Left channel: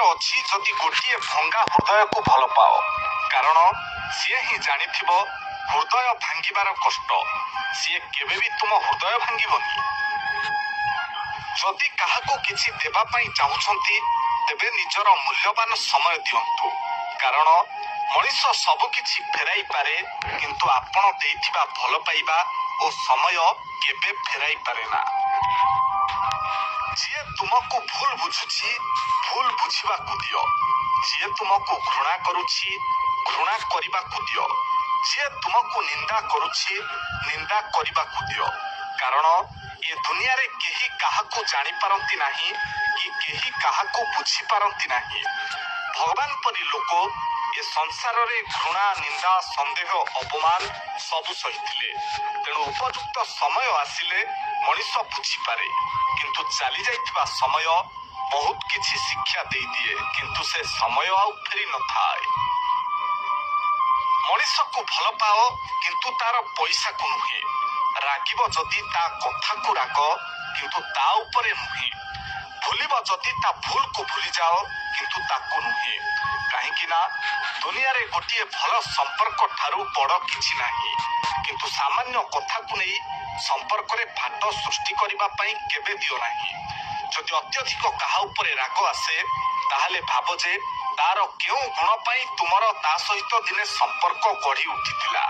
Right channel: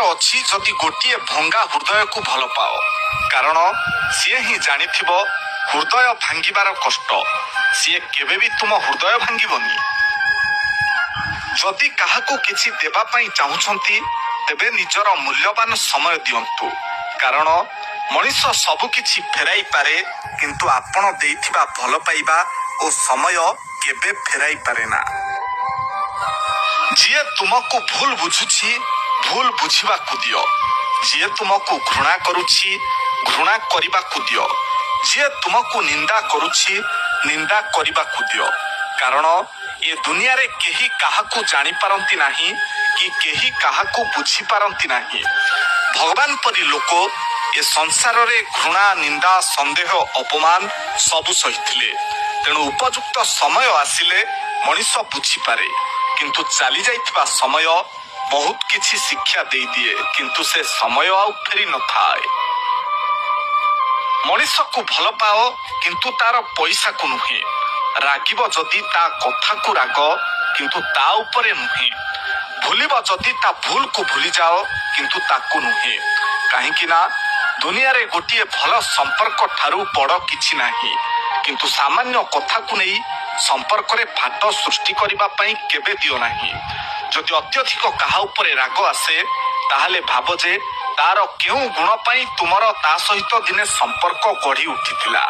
କହିବାର ଅଛି ଯଦି ଗୋଟିଏ ଭଙ୍ଗା ହୃଦୟକୁ ଭଲ ପାଅ, କାରଣ ସିଏ ହିଁ ଜାଣିଥିବ ହୃଦୟ ଭାଙ୍ଗିବାର କଷ୍ଟ। ସିଏ କେବେ ବି ତୁମ ହୃଦୟ ଭାଙ୍ଗିବନି। ଯଦି କାହାକୁ କିଛି ଦେବା ପାଇଁ ଚାହୁଁଛନ୍ତି ତେବେ ନିଜର ମୂଲ୍ୟବାନ ସମୟ ଦିଅନ୍ତୁ, କାରଣ ମଣିଷ ସବୁ କିଛି ଫେରାଇ ପାରେ କିନ୍ତୁ ଆପଣ ଦେଇଥିବା ଭଲ ପାଇବା ଓ ସମୟ କେବେ ଫେରାଇ ପାରେ ନା। ଯିଏ ତୁମକୁ ଭୁଲ ବୁଝୁଛି ଭୁଲ ବୁଝିବାକୁ ଦିଅ। ଯିଏ ତୁମକୁ ଘୃଣା କରୁଛି ଘୃଣା କରିବାକୁ ଦିଅ। ଯିଏ ତୁମକୁ ନିନ୍ଦା କରୁଛି ନିନ୍ଦା କରିବାକୁ ଦିଅ, କାରଣ ଏ ଦୁନିଆରେ କେହି କାହାକୁ ଜାଣିପାରନ୍ତି ନାହିଁ କି କେହି କାହାକୁ ବୁଝିପାରନ୍ତି ନାହିଁ। ଭଗବାନ ପରି ଲୋକ ଏ ସଂସାରରେ ଘୃଣା, ନିନ୍ଦା, ସନ୍ଦେହ, ଅପମାନ ସବୁ ସହିଥିଲେ। ତେଣୁ ଉପଯୁକ୍ତ ସମୟ ଆସିଲେ ମଣିଷ ବୁଝିପାରେ, କିନ୍ତୁ ଚାଲି ଯାଇଥିବା ସମୟ ବହୁତ କିଛି ଶିକ୍ଷା ଦେଇଦିଏ, କିନ୍ତୁ ସେ ସମୟ ଆଉ ଫେରି ନଥାଏ। ମଣିଷକୁ ଭଲ ପାଅ କିନ୍ତୁ ତାର ପଇସାକୁ ନୁହେଁ। ରାଗିବ ଯଦି ତା କଥାକୁ ରାଗ କିନ୍ତୁ ତା ଉପରେ ନୁହେଁ। ଭୁଲିବ ଯଦି ତା ଭୁଲକୁ ଭୁଲିଯାଅ କିନ୍ତୁ ତାକୁ ନୁହେଁ। କାହିଁକି ନା ଦୁନିଆରେ ଗୋଟିଏ ଭଲ ସମ୍ପର୍କ ଠାରୁ ବଡ଼ କିଛି ନାହିଁ। କିନ୍ତୁ ସାମାନ୍ୟ କଥାକୁ ନେଇ ସମ୍ପର୍କରେ ଫାଟ ସୃଷ୍ଟି କରିବା ପାଇଁ କେବେ ଦିଅ ନାହିଁ। ଯଦି ଅତ୍ୟଧିକ କାହା ଉପରେ ରାଗ ଆସେ ତାହେଲେ ଭାବ ଯେ ତାର କେଉଁ ଗୁଣ ପାଇଁ ତୁମର ତା ସହିତ ଦିନେ ସମ୍ପର୍କ ଗଢ଼ି ଉଠିଥିଲା।